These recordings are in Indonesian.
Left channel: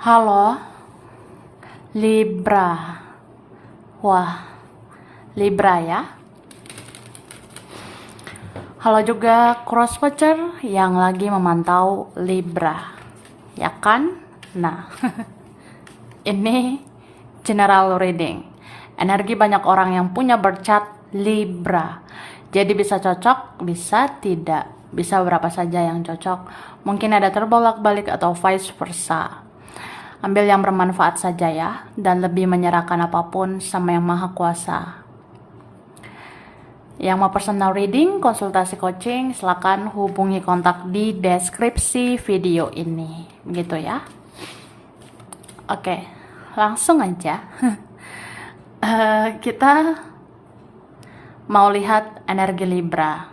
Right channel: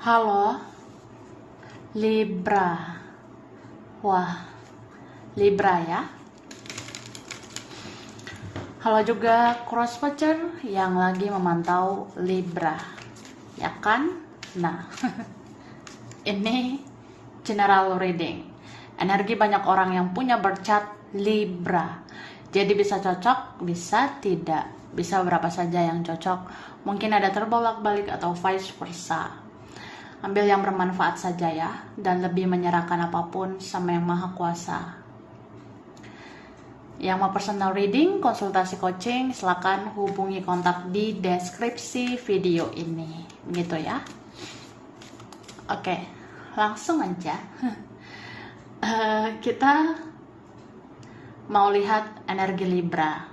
Halo, Libra. Wah, Libra ya. Halo juga crosswatcher yang lagi memantau Libra, ya kan? Nah, ini general reading. Energi banyak orang yang punya birth chart Libra. Jadi bisa cocok, bisa tidak. Bisa berapa saja yang cocok. Mungkin ada terbolak-balik atau vice versa. Ambil yang bermanfaat saja ya, dan lebih menyerahkan apapun sama yang maha kuasa. Yang mau personal reading, konsultasi coaching, silakan hubungi kontak di deskripsi video ini. Begitu ya. Oke, langsung aja. Kita mau lihat energi Libra.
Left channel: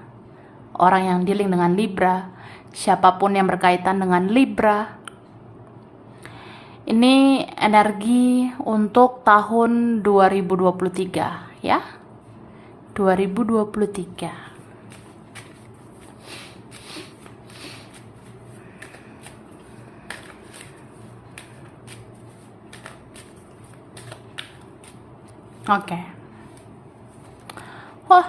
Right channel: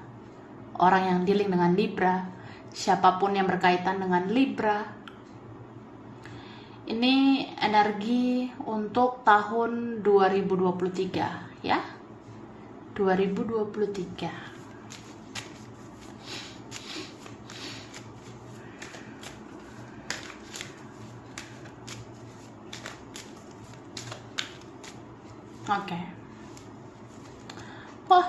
Orang yang dealing dengan Libra, siapapun yang berkaitan dengan Libra. Ini energi untuk tahun 2023 ya. 2023. Oke. Oh.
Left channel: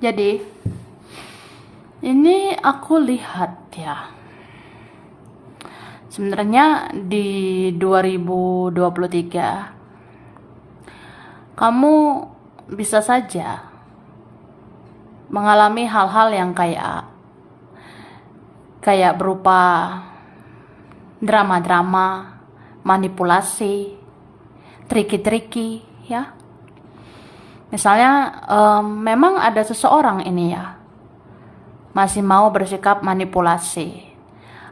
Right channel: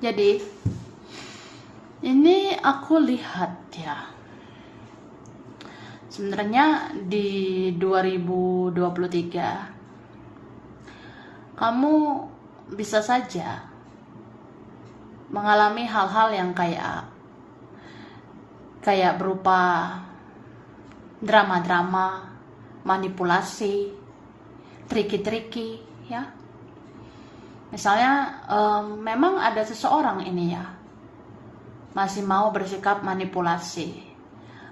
Jadi ini aku lihat ya, sebenarnya di 2023 kamu bisa saja mengalami hal-hal yang kayak berupa drama-drama, manipulasi, triki-triki ya. Misalnya memang ada seseorang ini ya masih mau bersikap manipulasi.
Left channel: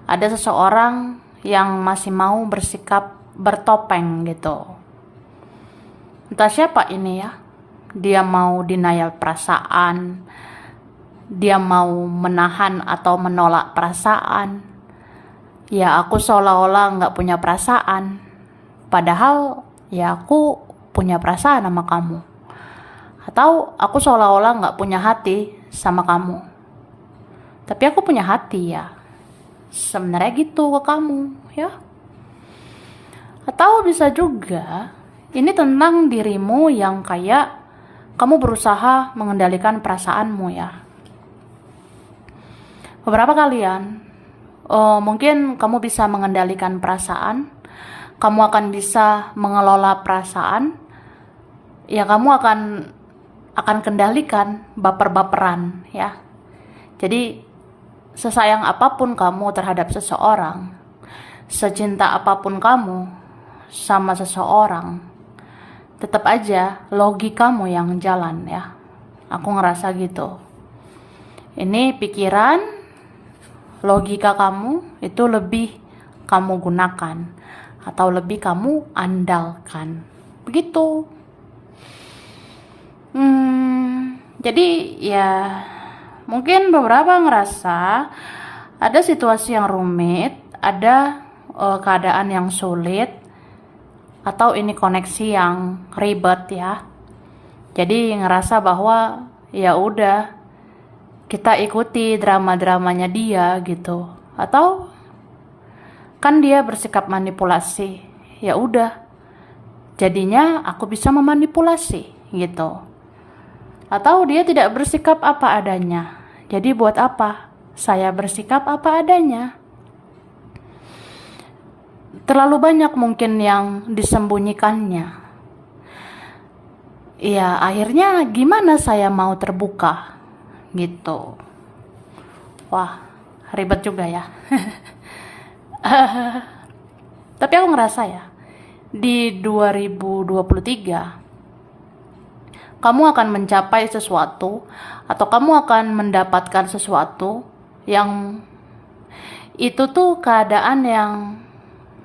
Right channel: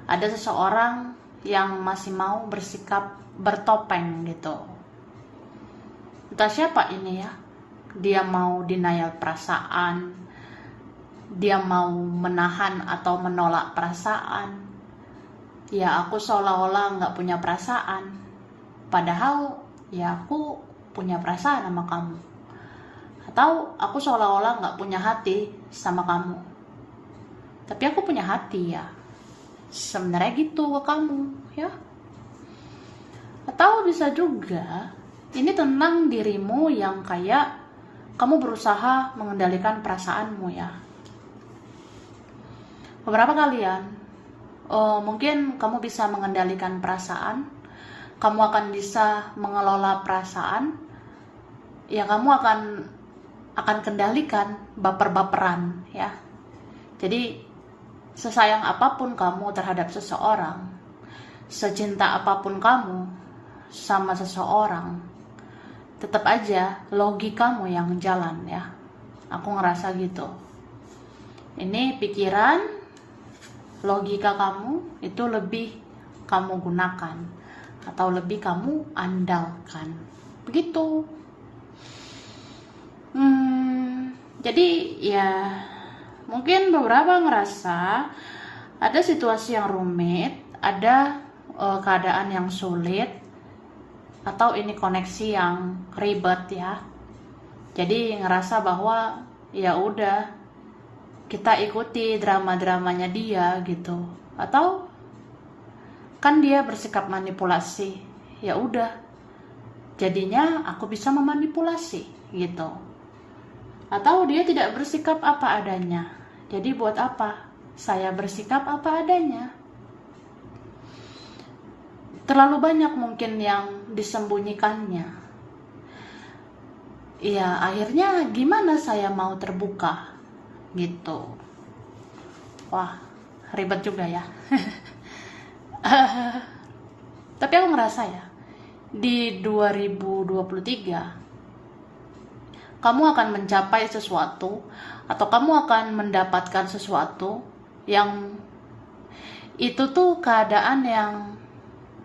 Ada seseorang yang masih mau bersikap bertopeng gitu. Entah siapa ini ya. Dia mau denial perasaan. Dia mau menahan atau menolak perasaan. Ya aku seolah-olah gak punya perasaan. Padahal ya aku punya perasaan sama kamu. Atau aku seolah-olah gak punya hati sama kamu. Tapi aku punya hati ya. Sebenarnya gitu ke kamu ya. Atau bisa juga ini tentang dirimu yang kayak kamu berusaha mengendalikan perasaanmu ya. Beberapa kalian mungkin kamu bisa mengendalikan perasaan. Kamu akan bisa mengelola perasaan. Ya kamu akan kendalikan baper-baperan ya. Jadi sesayang apapun kamu terhadap seseorang, secinta apapun kamu sama seseorang, tetap aja logikamu yang jalan ya. Aku ngerasa gitu. Ini pikiran, logika kamu itu lebih kamu gunakan atau lebih kamu andalkan. Begitu. Jadi ya mungkin beberapa ngerasa ada situasi yang rumit, ada keadaan yang sulit, atau ini koneksi yang ribet ya. Jadi ngerasa bahwa ya udah kita ikuti drama-dramanya dia gitu. Atau kan dia bersikap manipulasi. Ya udah. Jadinya aku bisa memanipulasi gitu. Atau dia tidak bersikap apa adanya. Jadi buat apa saya bersikap apa adanya? Terlalu banyak mungkin yang disembunyikannya. Ya akhirnya gimana saya mau terbuka gitu. Wah ribet juga ya. Tapi aku ngerasa ya di 2023 kamu akan mencapai sesuatu atau kamu akan mendapatkan sesuatu yang itu tuh keadaan yang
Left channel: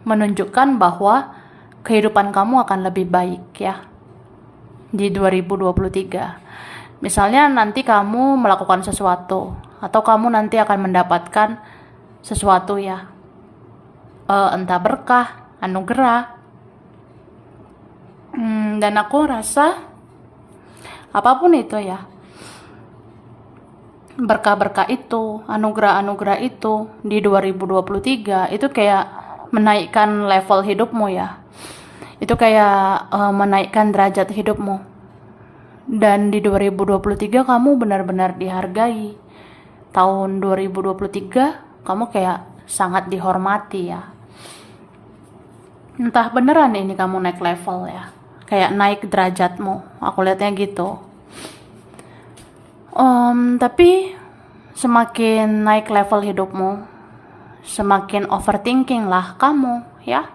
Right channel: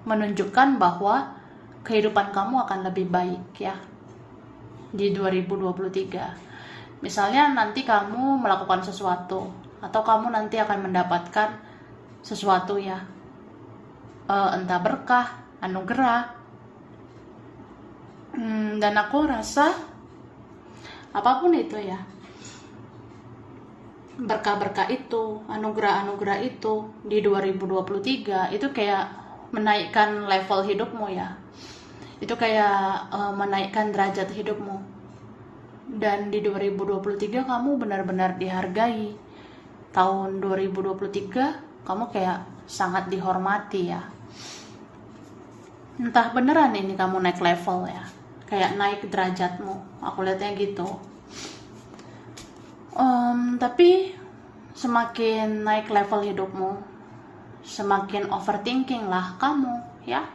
menunjukkan bahwa kehidupan kamu akan lebih baik ya di 2023. Misalnya nanti kamu melakukan sesuatu atau kamu nanti akan mendapatkan sesuatu ya, entah berkah, anugerah. Dan aku rasa apapun itu ya, berkah-berkah itu, anugerah-anugerah itu di 2023 itu kayak menaikkan level hidupmu ya. Itu kayak menaikkan derajat hidupmu. Dan di 2023 kamu benar-benar dihargai. Tahun 2023 kamu kayak sangat dihormati ya. Entah beneran ini kamu naik level ya. Kayak naik derajatmu. Aku lihatnya gitu. Tapi semakin naik level hidupmu, semakin overthinking lah kamu ya.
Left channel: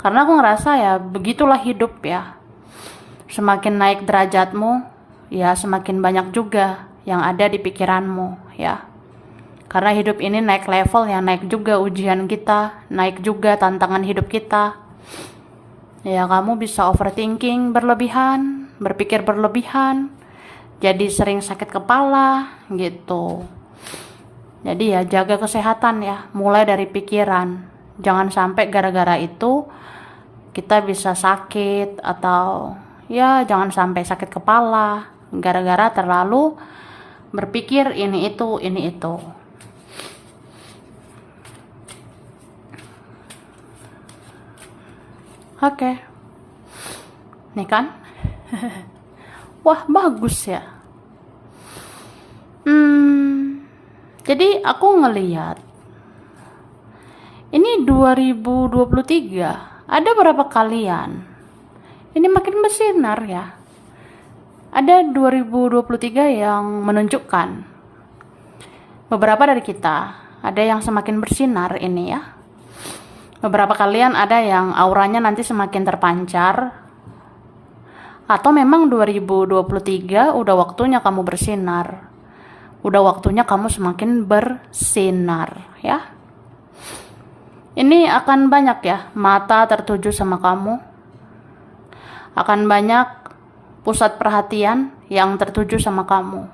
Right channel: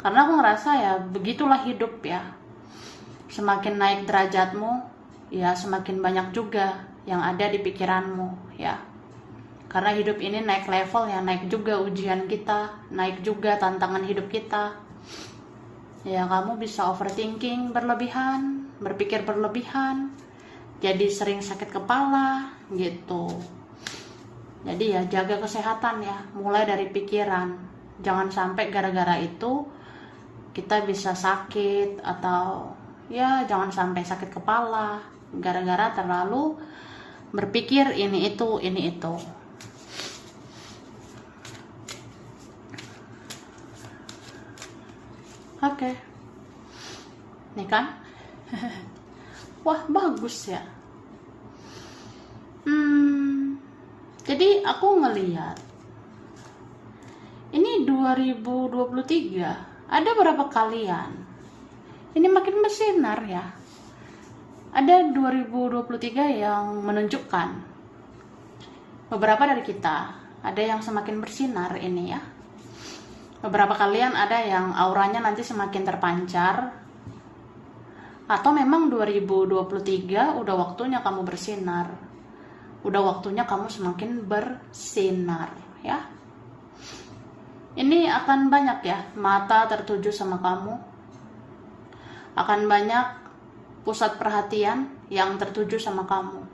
Karena aku ngerasa ya begitulah hidup ya. Semakin naik derajatmu, ya semakin banyak juga yang ada di pikiranmu ya. Karena hidup ini naik level ya, naik juga ujian kita, naik juga tantangan hidup kita. Ya kamu bisa overthinking berlebihan, berpikir berlebihan, jadi sering sakit kepala gitu. Jadi ya jaga kesehatan ya, mulai dari pikiran. Jangan sampai gara-gara itu kita bisa sakit, atau ya jangan sampai sakit kepala gara-gara terlalu berpikir ini itu. Oke. Nih kan? Wah, bagus ya. Jadi aku ngeliat ini 2023 ada berapa kalian ini makin bersinar ya. Ada 2023 yang menunjukkan beberapa dari kita ada yang semakin bersinar ini ya. Beberapa kalian ada yang auranya nanti semakin terpancar, atau memang 2023 udah waktunya kamu bersinar. Udah waktunya kamu semakin bersinar ya. Ini akan banyak ya mata tertuju sama kamu. Akan banyak pusat perhatian yang tertuju sama kamu.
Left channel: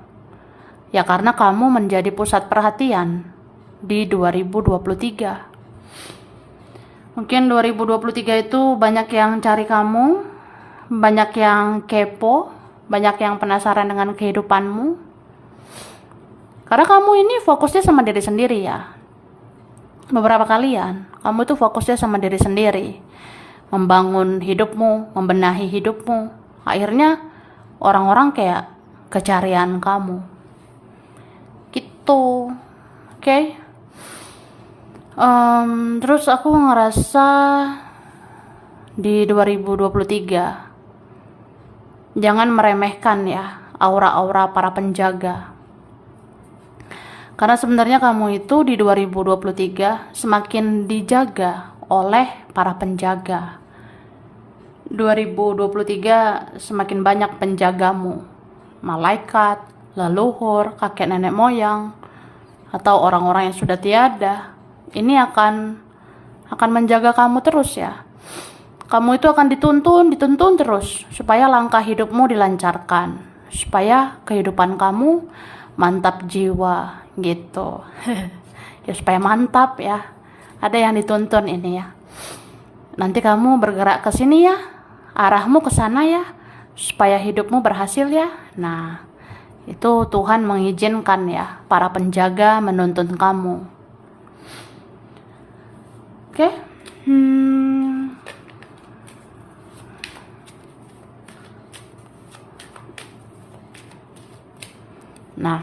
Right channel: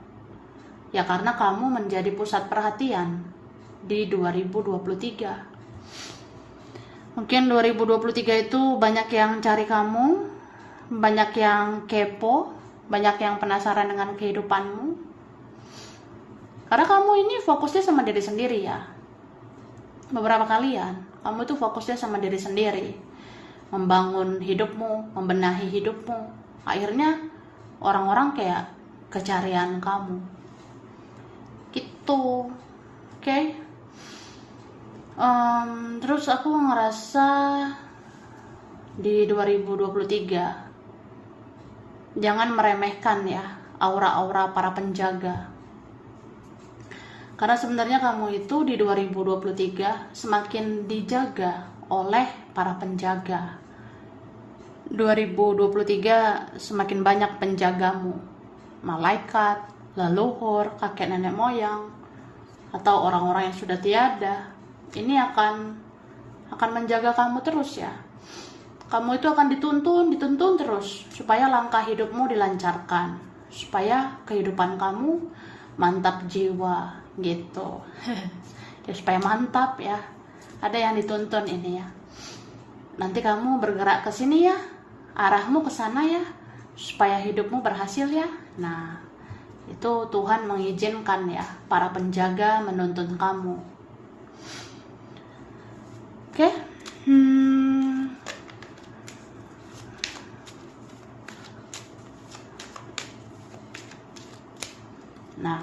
Ya karena kamu menjadi pusat perhatian di 2023. Mungkin 2023 itu banyak yang cari kamu, banyak yang kepo, banyak yang penasaran dengan kehidupanmu. Karena kamu ini fokusnya sama diri sendiri ya. Beberapa kalian, kamu tuh fokusnya sama diri sendiri. Membangun hidupmu, membenahi hidupmu. Akhirnya orang-orang kayak kecarian kamu. Gitu. Oke? Terus aku ngerasa di 2023 jangan meremehkan ya aura-aura para penjaga. Karena sebenarnya kamu itu di 2023 semakin dijaga oleh para penjaga. 2023 semakin banyak penjagamu. Malaikat, leluhur, kakek nenek moyang, atau orang-orang yang sudah tiada. Ini akan menjaga kamu terus ya. Kamu itu akan dituntun terus supaya langkah hidupmu dilancarkan, supaya kehidupan kamu mantap jiwa gitu. Ya supaya mantap ya. Ada yang dituntun ini ya. Nanti kamu bergerak ke sini ya, arahmu ke sana ya, supaya hidupmu berhasil ya. Nah, itu Tuhan mengizinkan ya para penjaga menuntun kamu. Oke. Nah,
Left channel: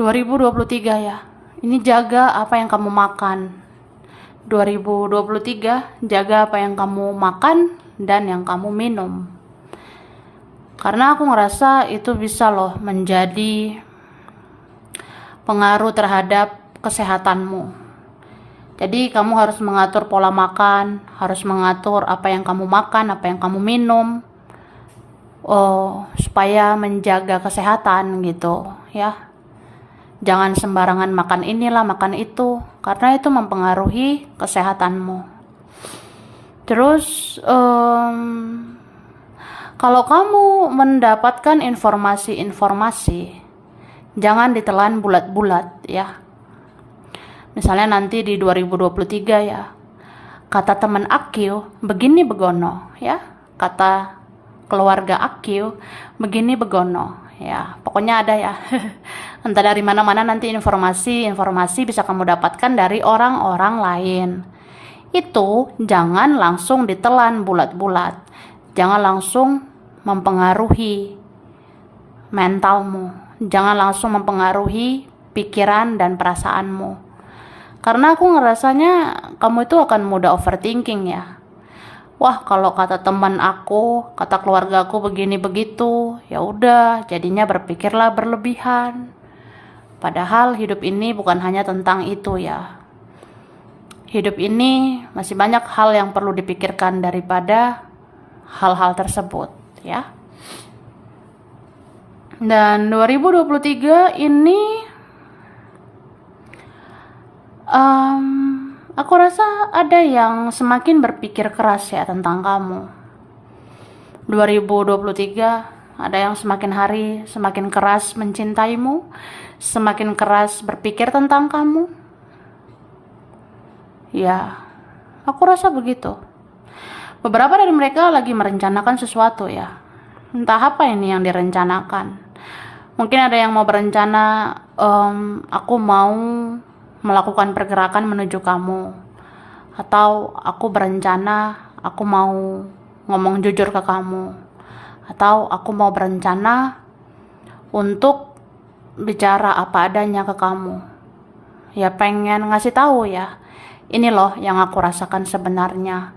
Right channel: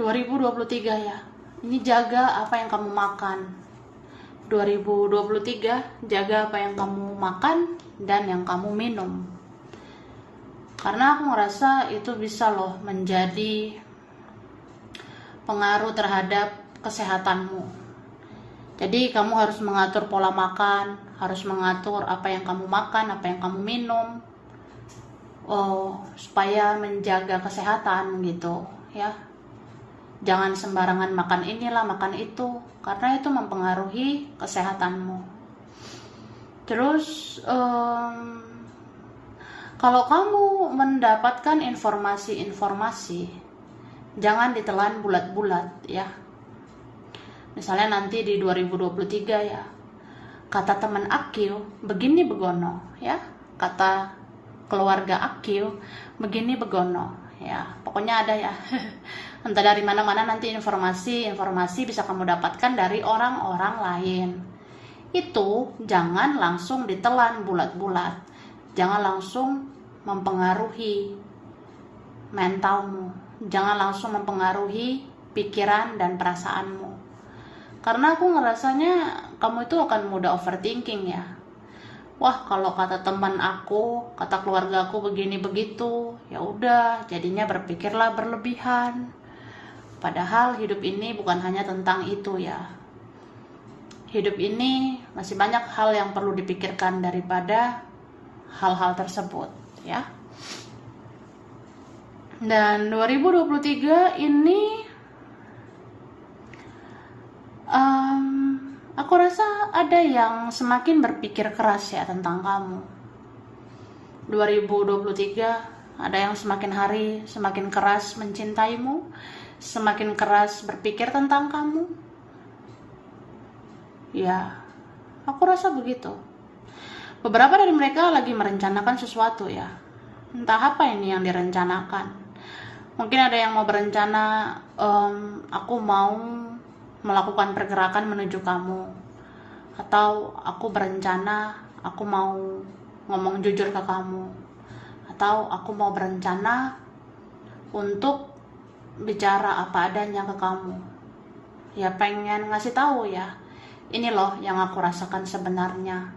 2023 ya. Ini jaga apa yang kamu makan. 2023 jaga apa yang kamu makan dan yang kamu minum. Karena aku ngerasa itu bisa loh menjadi pengaruh terhadap kesehatanmu. Jadi kamu harus mengatur pola makan, harus mengatur apa yang kamu makan, apa yang kamu minum, supaya menjaga kesehatan gitu ya. Jangan sembarangan makan inilah, makan itu, karena itu mempengaruhi kesehatanmu. Terus kalau kamu mendapatkan informasi-informasi, jangan ditelan bulat-bulat ya. Misalnya nanti di 2023 ya, kata teman Akil begini begono ya, kata keluarga Akil begini begono ya pokoknya ada ya. Entah dari mana-mana nanti informasi bisa kamu dapatkan dari orang-orang lain. Itu jangan langsung ditelan bulat-bulat, jangan langsung mempengaruhi mentalmu, jangan langsung mempengaruhi pikiran dan perasaanmu, karena aku ngerasanya kamu itu akan mudah overthinking ya. Wah, kalau kata teman aku, kata keluarga aku begini begitu, ya udah, jadinya berpikirlah berlebihan. Padahal hidup ini bukan hanya tentang itu ya. Hidup ini masih banyak hal yang perlu dipikirkan daripada hal-hal tersebut ya. Dan 2023 ini aku rasa ada yang semakin berpikir keras ya tentang kamu. 2023 ada yang semakin hari semakin keras mencintaimu, semakin keras berpikir tentang kamu. Ya, aku rasa begitu. Beberapa dari mereka lagi merencanakan sesuatu ya. Entah apa ini yang direncanakan. Mungkin ada yang mau berencana, aku mau melakukan pergerakan menuju kamu. Atau aku berencana, aku mau ngomong jujur ke kamu. Atau aku mau berencana untuk bicara apa adanya ke kamu. Ya pengen ngasih tahu ya. Ini loh yang aku rasakan sebenarnya.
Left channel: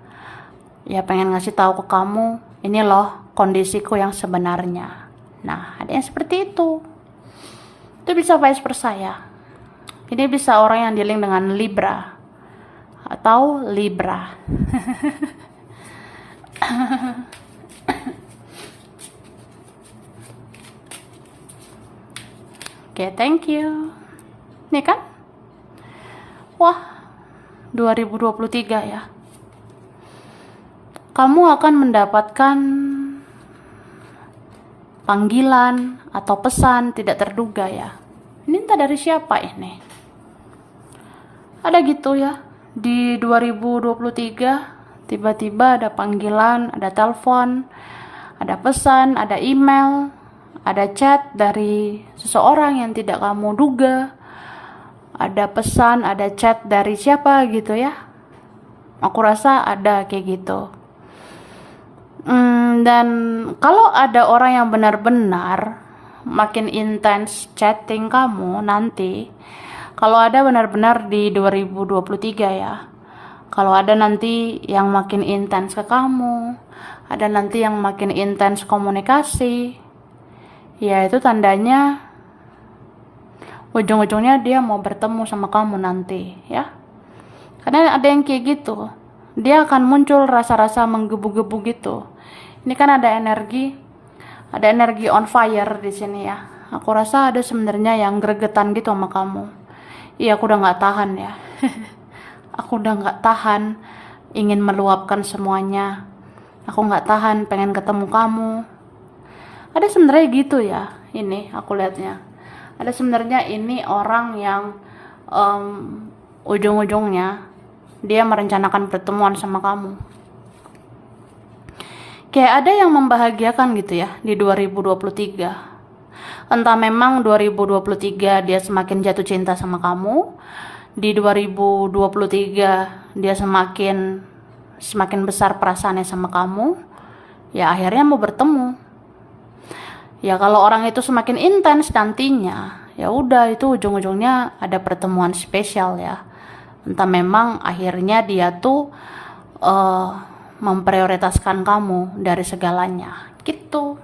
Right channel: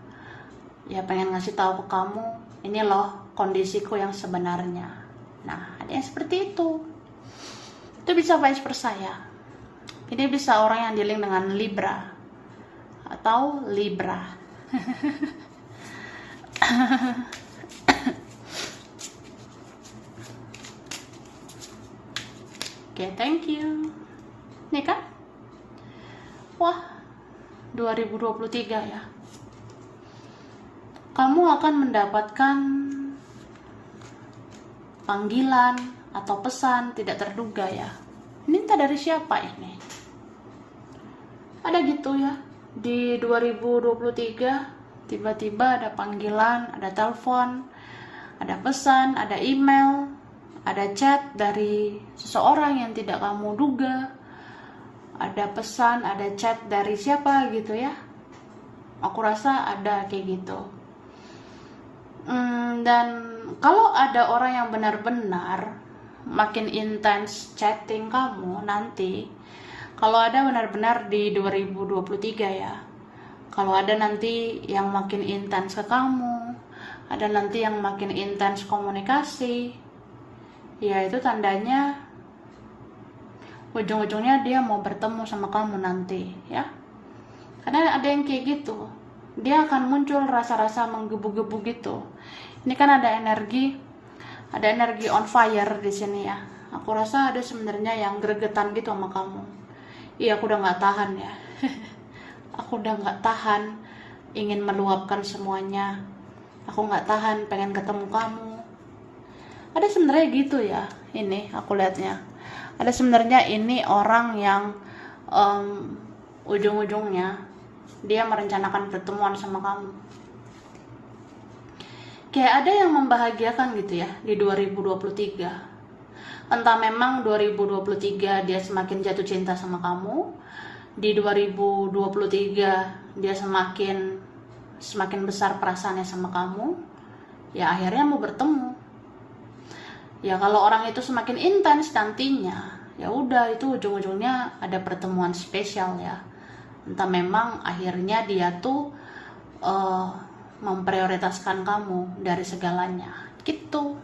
Ya pengen ngasih tahu ke kamu, ini loh kondisiku yang sebenarnya. Nah, ada yang seperti itu. Itu bisa vice versa ya. Ini bisa orang yang dealing dengan Libra atau Libra. Oke, thank you. Nih kan? Wah, 2023 ya. Kamu akan mendapatkan panggilan atau pesan tidak terduga ya. Ini entah dari siapa ini. Ada gitu ya. Di 2023 tiba-tiba ada panggilan, ada telepon, ada pesan, ada email, ada chat dari seseorang yang tidak kamu duga. Ada pesan, ada chat dari siapa gitu ya. Aku rasa ada kayak gitu. Dan kalau ada orang yang benar-benar makin intens chatting kamu nanti, kalau ada benar-benar di 2023 ya, kalau ada nanti yang makin intens ke kamu, ada nanti yang makin intens komunikasi, ya itu tandanya ujung-ujungnya dia mau bertemu sama kamu nanti ya. Karena ada yang kayak gitu, dia akan muncul rasa-rasa menggebu-gebu gitu. Ini kan ada energi on fire di sini ya. Aku rasa ada sebenarnya yang gregetan gitu sama kamu. Iya, aku udah nggak tahan ya. Aku udah nggak tahan, ingin meluapkan semuanya. Aku nggak tahan, pengen ketemu kamu. Ada sebenarnya gitu ya. Ini aku lihatnya. Ada sebenarnya ini orang yang ujung-ujungnya dia merencanakan pertemuan sama kamu. Kayak ada yang membahagiakan gitu ya di 2023. Entah memang 2023 dia semakin jatuh cinta sama kamu, di 2023 dia semakin besar perasaannya sama kamu, ya akhirnya mau bertemu. Ya kalau orang itu semakin intens nantinya, ya udah itu ujung-ujungnya ada pertemuan spesial ya. Entah memang akhirnya dia tuh memprioritaskan kamu dari segalanya gitu.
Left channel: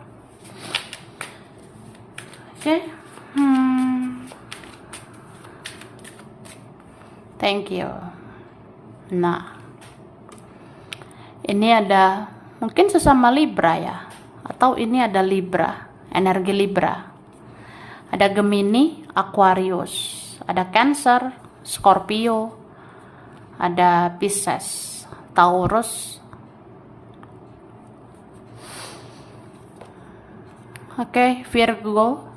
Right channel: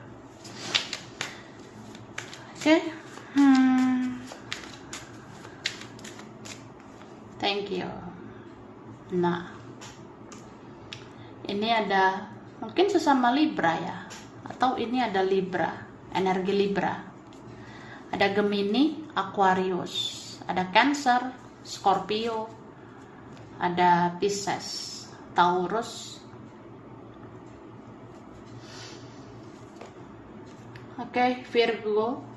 Oke. Thank you. Nah, ini ada mungkin sesama Libra ya, atau ini ada Libra, energi Libra. Ada Gemini, Aquarius, ada Cancer, Scorpio, ada Pisces, Taurus. Oke, Virgo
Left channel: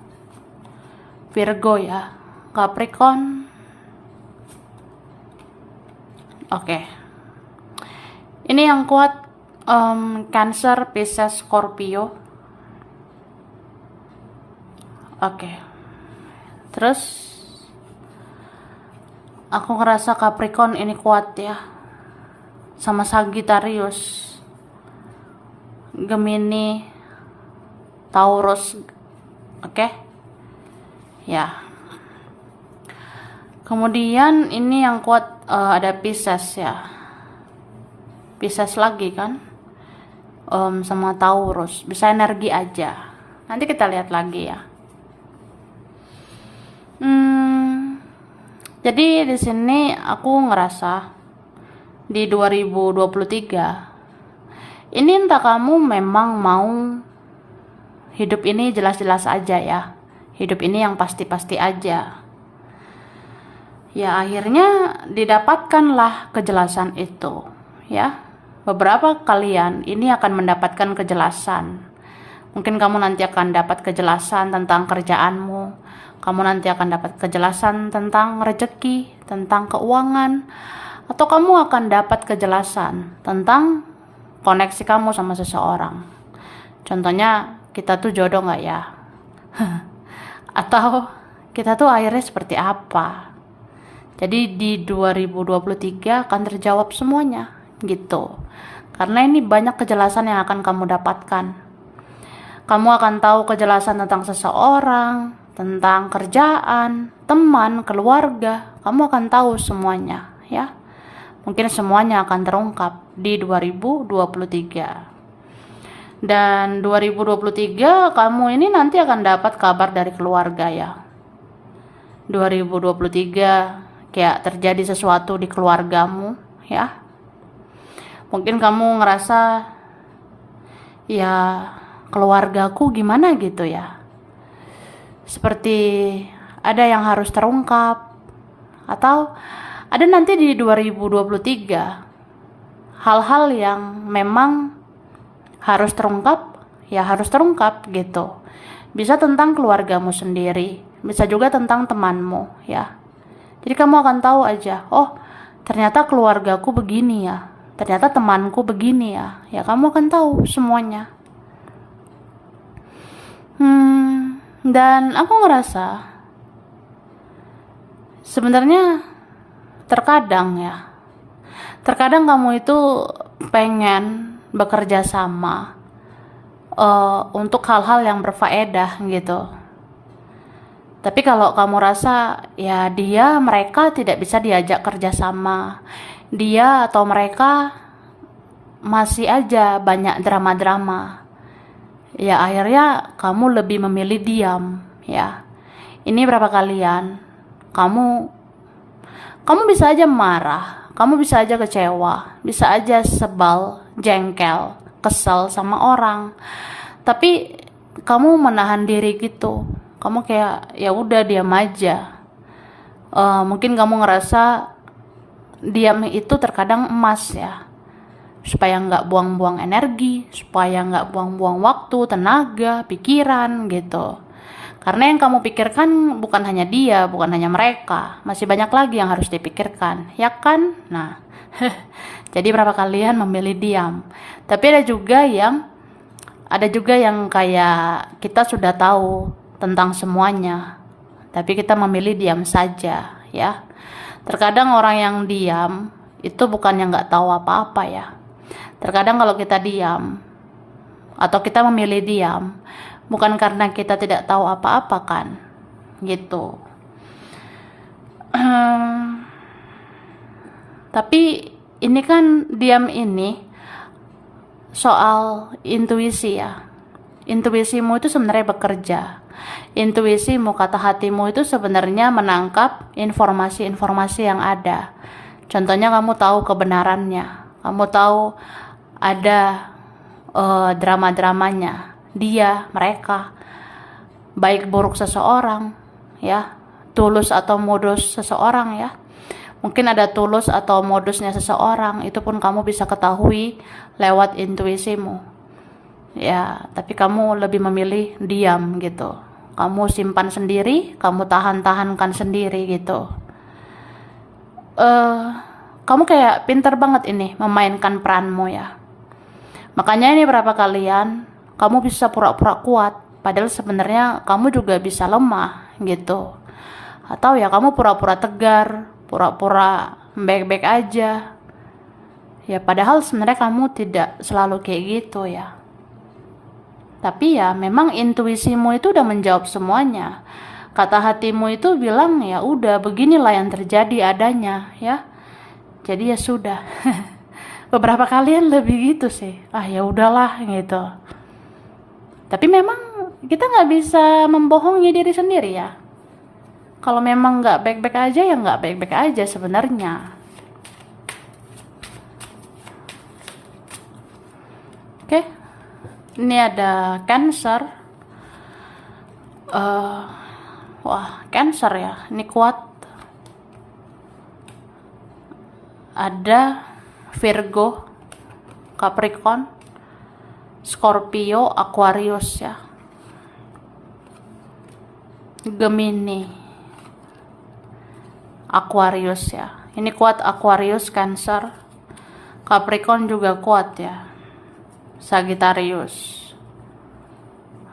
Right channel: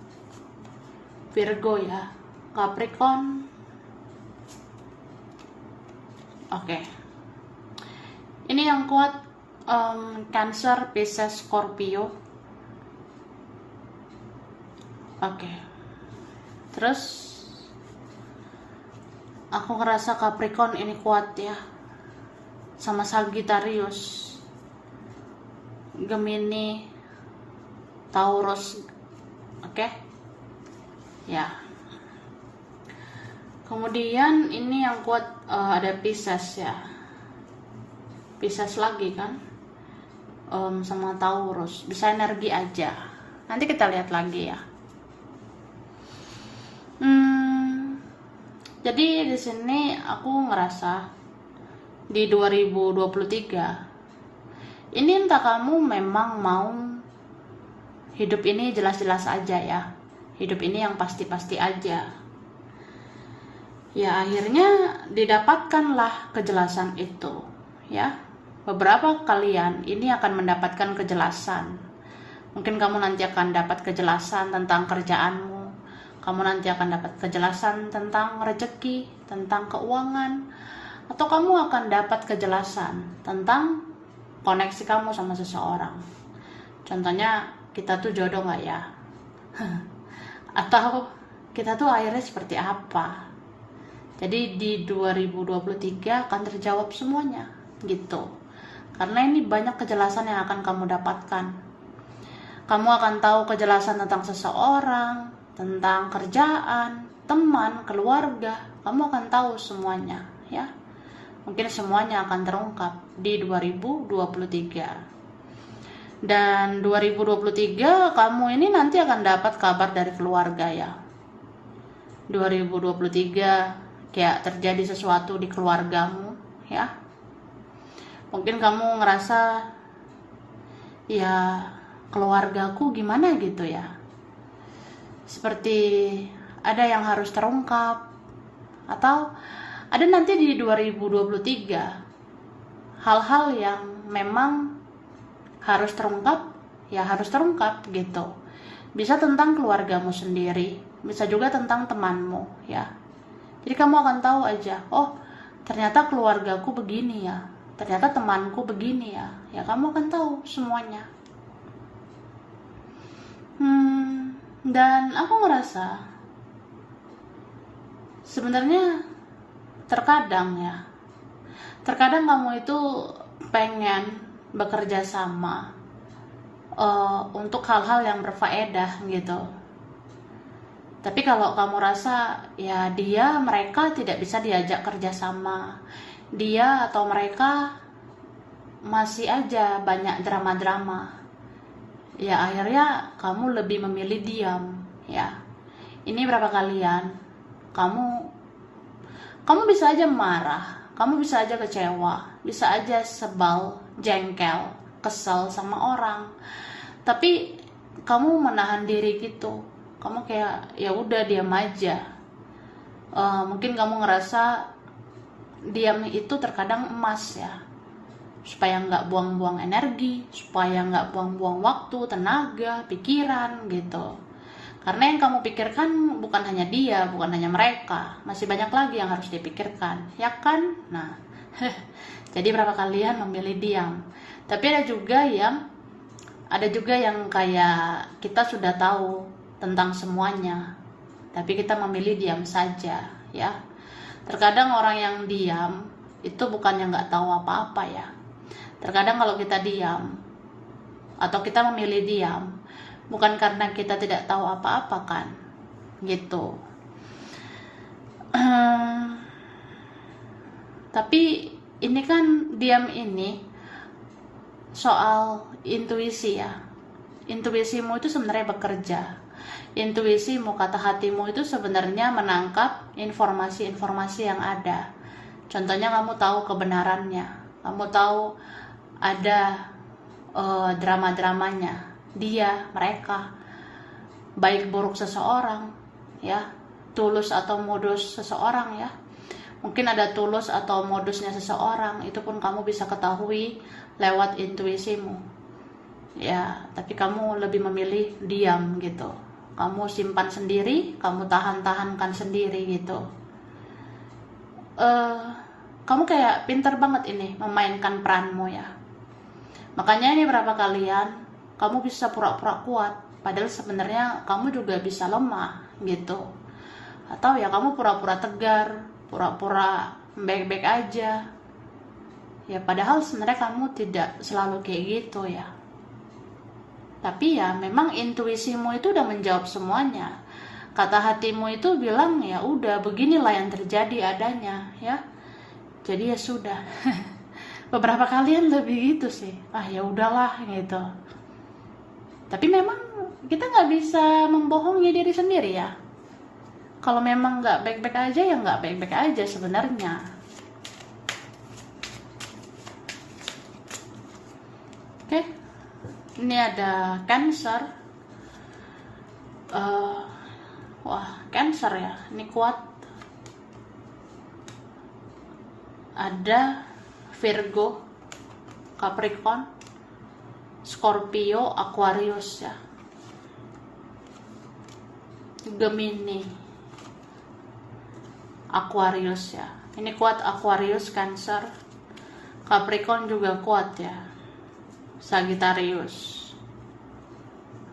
ya, Capricorn. Oke. Ini yang kuat Cancer, Pisces, Scorpio. Oke. Terus aku ngerasa Capricorn ini kuat ya. Sama Sagittarius, Gemini, Taurus. Oke. Ya. Kemudian ini yang kuat ada Pisces ya. Pisces lagi kan. Sama Taurus. Bisa energi aja. Nanti kita lihat lagi ya. Jadi di sini aku ngerasa di 2023 ini entah kamu memang mau hidup ini jelas-jelas aja ya. Hidup ini yang pasti-pasti aja. Ya akhirnya didapatkanlah kejelasan itu ya. Beberapa kalian ini akan mendapatkan kejelasan. Mungkin kamu nanti akan dapat kejelasan tentang kerjaanmu. Kamu nanti akan dapat kejelasan tentang rezeki, tentang keuangan, atau kamu akan dapat kejelasan tentang koneksi kamu sama seseorang. Contohnya, kita tuh jodoh nggak ya? Atau kita tuh akhirnya seperti apa? Jadi di 2023 akan terjawab semuanya, gitu. Karena ini banyak kejelasan yang akan kamu dapatkan. Kamu akan tahu kejelasan tentang seseorang, tentang kerjaan, teman, keluarga. Kamu akan tahu semuanya ya. Mungkin semuanya akan terungkap di 2023. Dan 2023 kamu ini nanti akan dapat kabar dari keluarga ya. 2023 kayak terjadi sesuatu di keluargamu ya. Mungkin kamu ngerasa ya keluargaku gimana gitu ya. Seperti ada yang harus terungkap, atau ada nanti di 2023 hal-hal yang memang harus terungkap, ya harus terungkap gitu. Bisa tentang keluargamu sendiri, bisa juga tentang temanmu ya. Jadi kamu akan tahu aja, oh ternyata keluargaku begini ya, ternyata temanku begini ya. Ya kamu akan tahu semuanya. Dan aku ngerasa sebenarnya terkadang kamu itu pengen bekerja sama untuk hal-hal yang berfaedah gitu. Tapi kalau kamu rasa ya mereka tidak bisa diajak kerja sama, dia atau mereka masih aja banyak drama-drama, ya akhirnya kamu lebih memilih diam ya. Ini berapa kalian kamu bisa aja marah, kamu bisa aja kecewa, bisa aja sebal, jengkel, kesel sama orang, tapi kamu menahan diri gitu. Kamu kayak ya udah diam aja. Mungkin kamu ngerasa diam itu terkadang emas ya, supaya nggak buang-buang energi, supaya nggak buang-buang waktu, tenaga, pikiran gitu. Karena yang kamu pikirkan bukan hanya dia, bukan hanya mereka, masih banyak lagi yang harus dipikirkan, ya kan? Nah, jadi berapa kalian memilih diam? Tapi ada juga yang kayak kita sudah tahu tentang semuanya, tapi kita memilih diam saja, ya. Terkadang orang yang diam itu bukannya nggak tahu apa-apa ya. Terkadang kalau kita diam atau kita memilih diam, bukan karena kita tidak tahu apa-apa kan, gitu. Tapi ini kan diam ini soal intuisi ya. Intuisimu itu sebenarnya bekerja. Intuisimu, kata hatimu itu sebenarnya menangkap informasi-informasi yang ada. Contohnya kamu tahu kebenarannya, kamu tahu ada drama-dramanya, dia, mereka, baik buruk seseorang, ya, tulus atau modus seseorang ya. Mungkin ada tulus atau modusnya seseorang, itu pun kamu bisa ketahui lewat intuisimu. Ya, tapi kamu lebih memilih diam gitu. Kamu simpan sendiri, kamu tahan-tahankan sendiri gitu. Kamu kayak pinter banget ini memainkan peranmu ya. Makanya ini berapa kalian kamu bisa pura-pura kuat, Padahal sebenarnya kamu juga bisa lemah gitu. Atau ya kamu pura-pura tegar, pura-pura baik-baik aja. Ya padahal sebenarnya kamu tidak selalu kayak gitu ya. Tapi ya memang intuisimu itu udah menjawab semuanya. Kata hatimu itu bilang ya udah beginilah yang terjadi adanya ya. Jadi ya sudah. Beberapa kalian lebih gitu sih. Ah ya udahlah gitu. Tapi memang kita nggak bisa membohongi diri sendiri ya. Kalau memang nggak baik-baik aja ya nggak baik-baik aja sebenarnya. Oke, ini ada Cancer. Wah, Cancer ya. Ini kuat. Ada Virgo, Capricorn, Scorpio, Aquarius ya. Gemini, Aquarius ya. Ini kuat Aquarius, Cancer. Capricorn juga kuat ya. Sagittarius,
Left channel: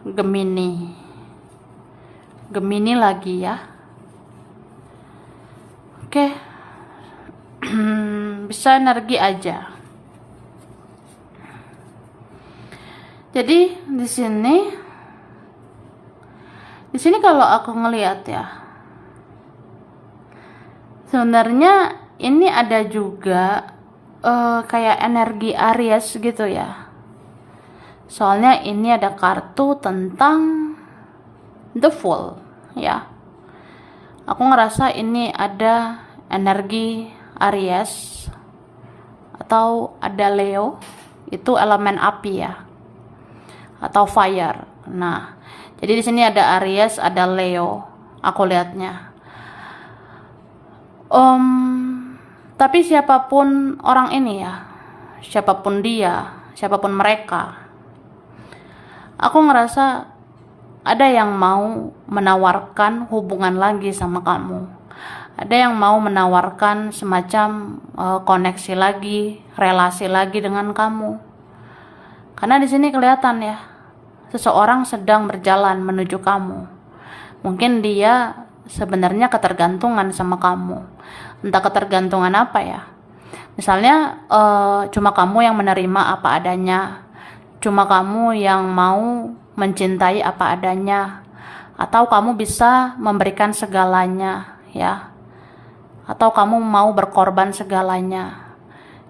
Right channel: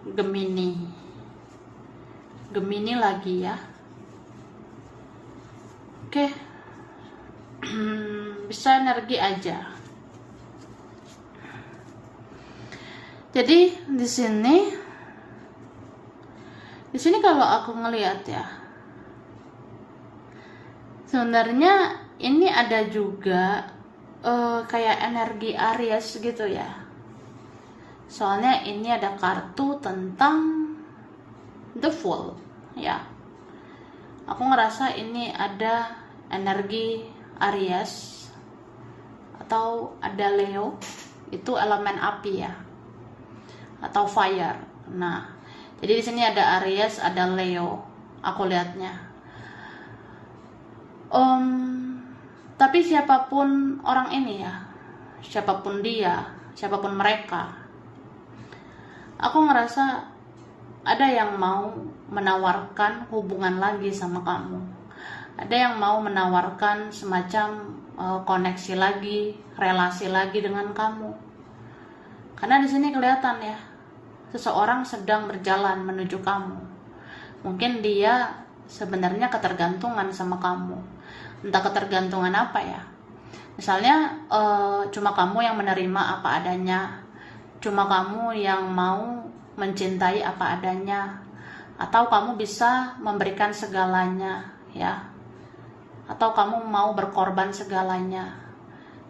Gemini. Gemini lagi ya. Oke. Bisa energi aja. Jadi di sini kalau aku ngelihat ya, sebenarnya ini ada juga kayak energi Aries gitu ya. Soalnya ini ada kartu tentang The Fool ya. Aku ngerasa ini ada energi Aries atau ada Leo, itu elemen api ya, atau fire. Nah, jadi di sini ada Aries, ada Leo. Aku lihatnya. Tapi siapapun orang ini ya, siapapun dia, siapapun mereka, aku ngerasa ada yang mau menawarkan hubungan lagi sama kamu. Ada yang mau menawarkan semacam koneksi lagi, relasi lagi dengan kamu. Karena di sini kelihatan ya, seseorang sedang berjalan menuju kamu. Mungkin dia sebenarnya ketergantungan sama kamu. Entah ketergantungan apa ya. Misalnya cuma kamu yang menerima apa adanya. Cuma kamu yang mau mencintai apa adanya. Atau kamu bisa memberikan segalanya ya. Atau kamu mau berkorban segalanya.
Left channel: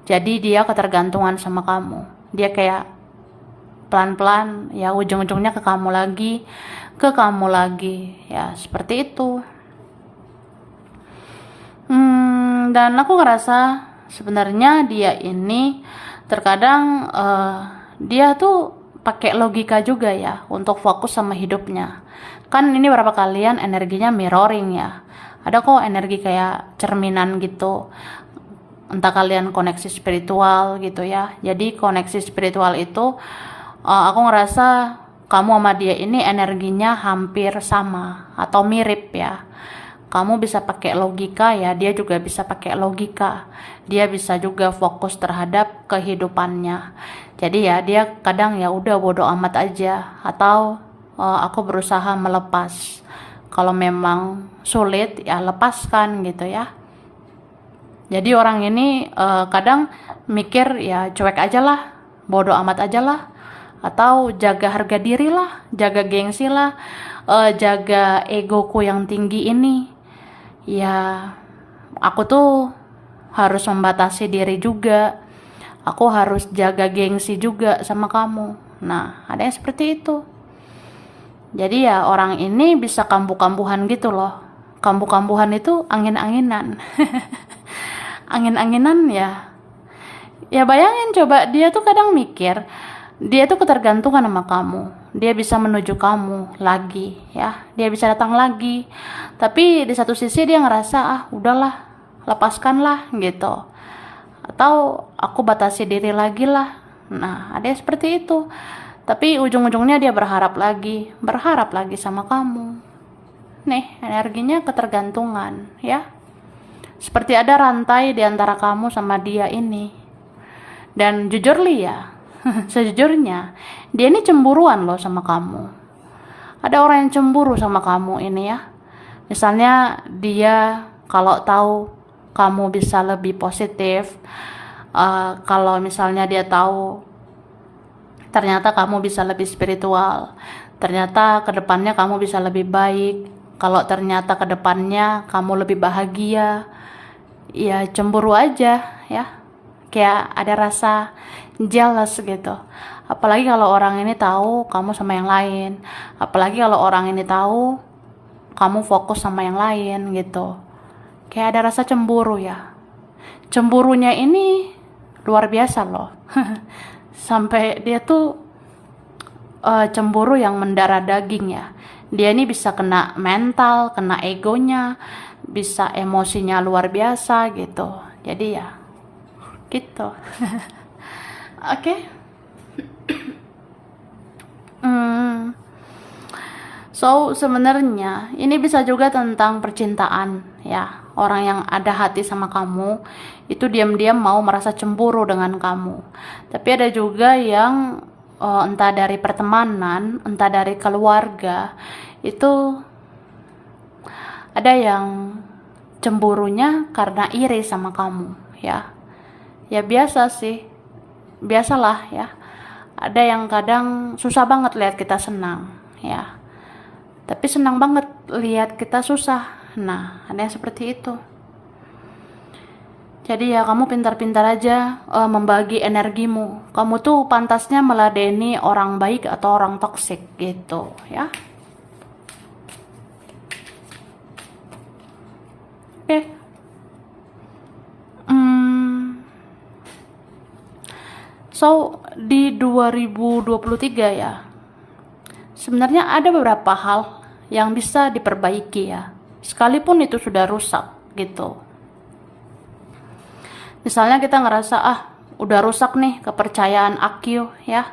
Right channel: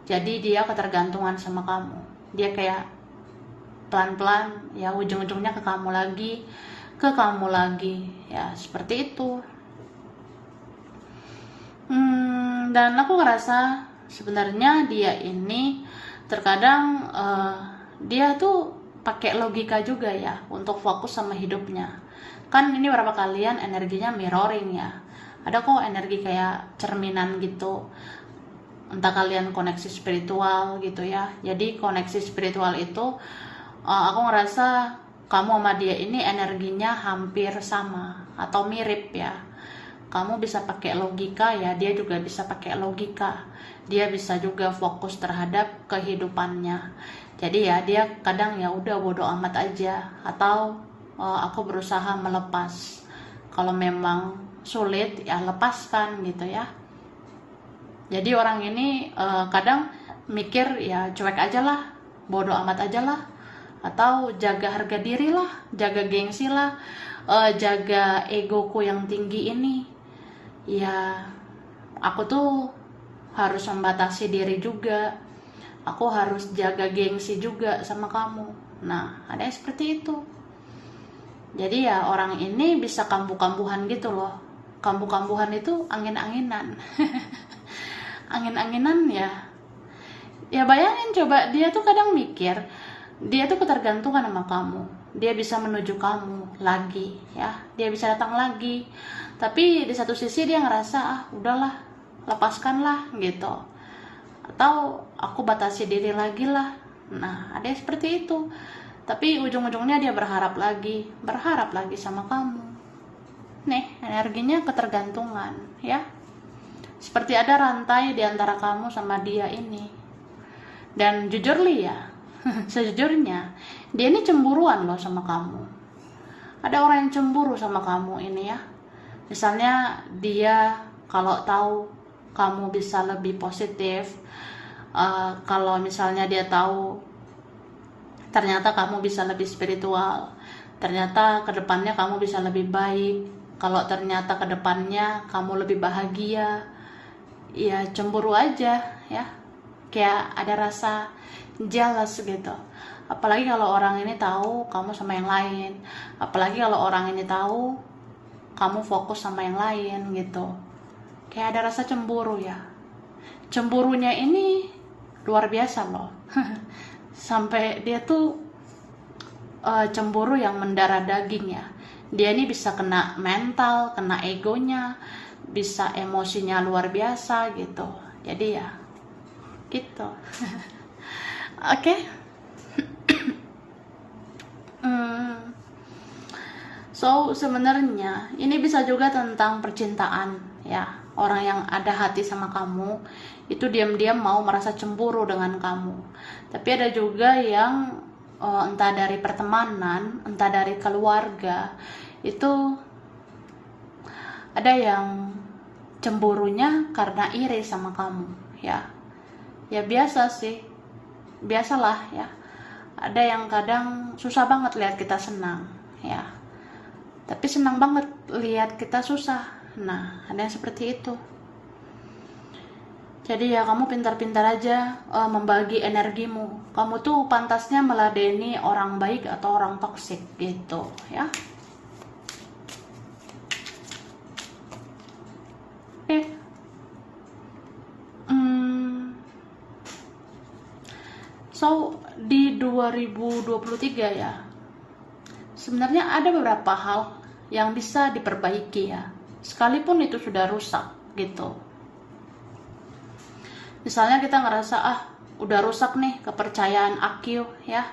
Jadi dia ketergantungan sama kamu. Dia kayak pelan-pelan ya ujung-ujungnya ke kamu lagi ya, seperti itu. Dan aku ngerasa sebenarnya dia ini terkadang dia tuh pakai logika juga ya untuk fokus sama hidupnya. Kan ini beberapa kalian energinya mirroring ya. Ada kok energi kayak cerminan gitu. Entah kalian koneksi spiritual gitu ya. Jadi koneksi spiritual itu aku ngerasa kamu sama dia ini energinya hampir sama atau mirip ya. Kamu bisa pakai logika ya, dia juga bisa pakai logika. Dia bisa juga fokus terhadap kehidupannya. Jadi ya dia kadang ya udah bodo amat aja, atau aku berusaha melepas. Kalau memang sulit ya lepaskan gitu ya. Jadi orang ini kadang mikir ya cuek aja lah, bodo amat aja lah, atau jaga harga diri lah, jaga gengsi lah, jaga egoku yang tinggi ini. Ya aku tuh harus membatasi diri juga, aku harus jaga gengsi juga sama kamu. Nah ada yang seperti itu. Jadi ya orang ini bisa kambuh-kambuhan gitu loh. Kambuh-kambuhan itu angin-anginan. Angin-anginan ya. Ya bayangin coba, dia tuh kadang mikir dia tuh ketergantungan sama kamu. Dia bisa menuju kamu lagi ya. Dia bisa datang lagi. Tapi di satu sisi dia ngerasa udahlah, lepaskanlah gitu. Atau aku batasi diri lagi lah. Nah ada yang seperti itu. Tapi ujung-ujungnya dia berharap lagi sama kamu. Nih energinya ketergantungan ya. Seperti ada rantai di antara kamu sama dia ini. Dan jujur li ya, sejujurnya dia ini cemburuan loh sama kamu. Ada orang yang cemburu sama kamu ini ya. Misalnya dia kalau tahu kamu bisa lebih positif, kalau misalnya dia tahu ternyata kamu bisa lebih spiritual, ternyata kedepannya kamu bisa lebih baik, kalau ternyata kedepannya kamu lebih bahagia, ya cemburu aja ya. Kayak ada rasa jealous gitu. Apalagi kalau orang ini tahu kamu sama yang lain, apalagi kalau orang ini tahu kamu fokus sama yang lain gitu. Kayak ada rasa cemburu ya. Cemburunya ini luar biasa loh. Sampai dia tuh cemburu yang mendarah daging ya. Dia ini bisa kena mental, kena egonya, bisa emosinya luar biasa gitu. Jadi ya gitu. Oke. So sebenarnya ini bisa juga tentang percintaan ya. Orang yang ada hati sama kamu itu diam-diam mau merasa cemburu dengan kamu. Tapi ada juga yang entah dari pertemanan, entah dari keluarga, itu ada yang cemburunya karena iri sama kamu ya. Ya biasa sih, biasalah ya. Ada yang kadang susah banget lihat kita senang ya, tapi senang banget lihat kita susah. Nah, ada yang seperti itu. Jadi ya kamu pintar-pintar aja membagi energimu. Kamu tuh pantasnya meladeni orang baik atau orang toksik gitu ya. Oke. So di 2023 ya, sebenarnya ada beberapa hal yang bisa diperbaiki ya, sekalipun itu sudah rusak gitu. Misalnya kita ngerasa udah rusak nih kepercayaan aku ya,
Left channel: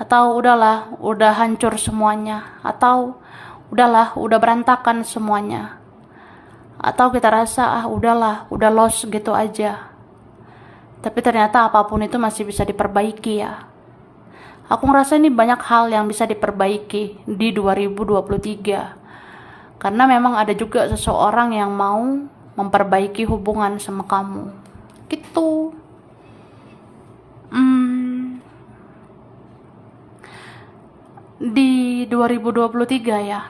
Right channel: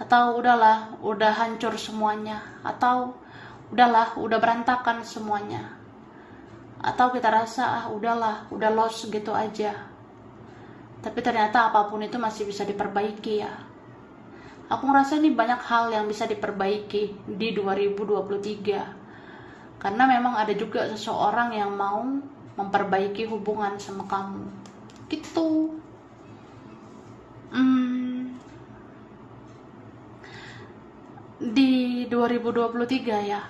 atau udahlah udah hancur semuanya, atau udahlah udah berantakan semuanya, atau kita rasa udahlah udah lost gitu aja. Tapi ternyata apapun itu masih bisa diperbaiki ya. Aku ngerasa ini banyak hal yang bisa diperbaiki di 2023. Karena memang ada juga seseorang yang mau memperbaiki hubungan sama kamu. Gitu. Di 2023 ya.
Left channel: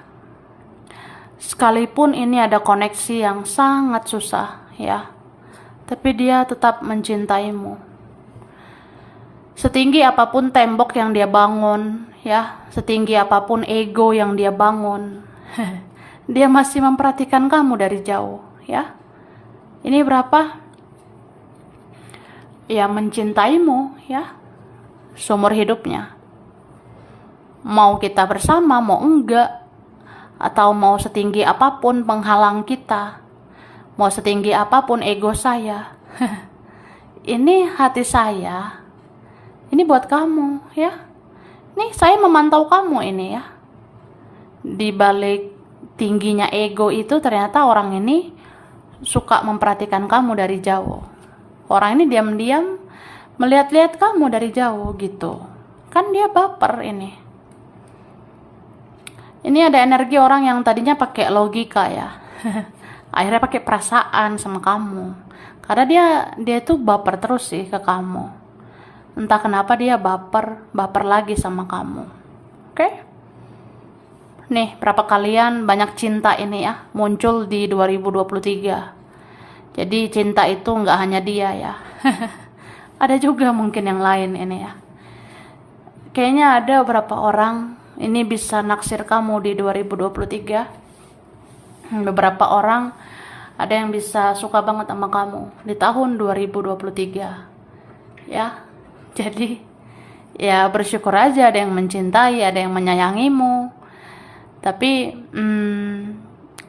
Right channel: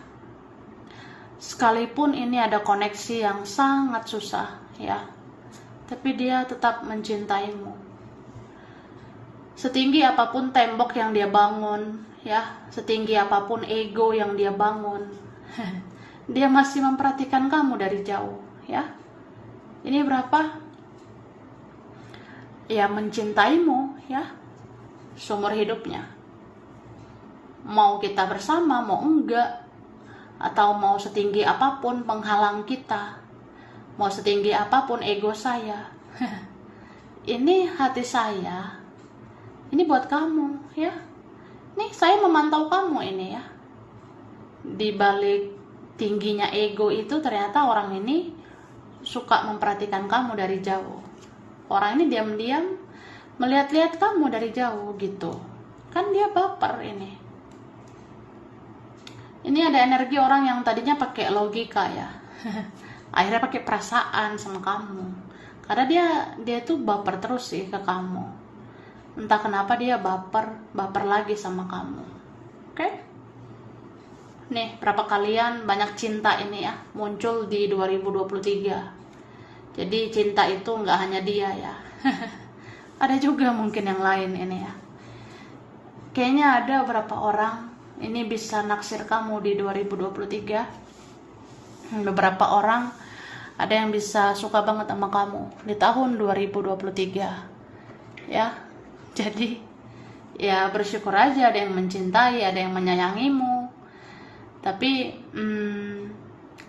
Sekalipun ini ada koneksi yang sangat susah ya, tapi dia tetap mencintaimu. Setinggi apapun tembok yang dia bangun ya, setinggi apapun ego yang dia bangun, dia masih memperhatikan kamu dari jauh ya. Ini berapa? Ya mencintaimu ya, seumur hidupnya. Mau kita bersama, mau enggak, atau mau setinggi apapun penghalang kita, mau setinggi apapun ego saya, ini hati saya, ini buat kamu ya. Nih saya memantau kamu ini ya. Di balik tingginya ego itu ternyata orang ini suka memperhatikan kamu dari jauh. Orang ini diam-diam melihat-lihat kamu dari jauh gitu. Kan dia baper ini. Ini ada energi orang yang tadinya pakai logika ya. Akhirnya pakai perasaan sama kamu. Karena dia tuh baper terus sih ke kamu. Entah kenapa dia baper lagi sama kamu. Oke? Nih, berapa kalian banyak cinta ini ya muncul di 2023. Jadi cinta itu nggak hanya dia ya. Ada juga mungkin yang lain ini ya. Kayaknya ada beberapa orang ini bisa naksir kamu di 2023. Beberapa orang ada yang bisa suka banget sama kamu di tahun 2023 ya. Jadi ya bersyukur aja ada yang mencintai, ada yang menyayangimu. Tapi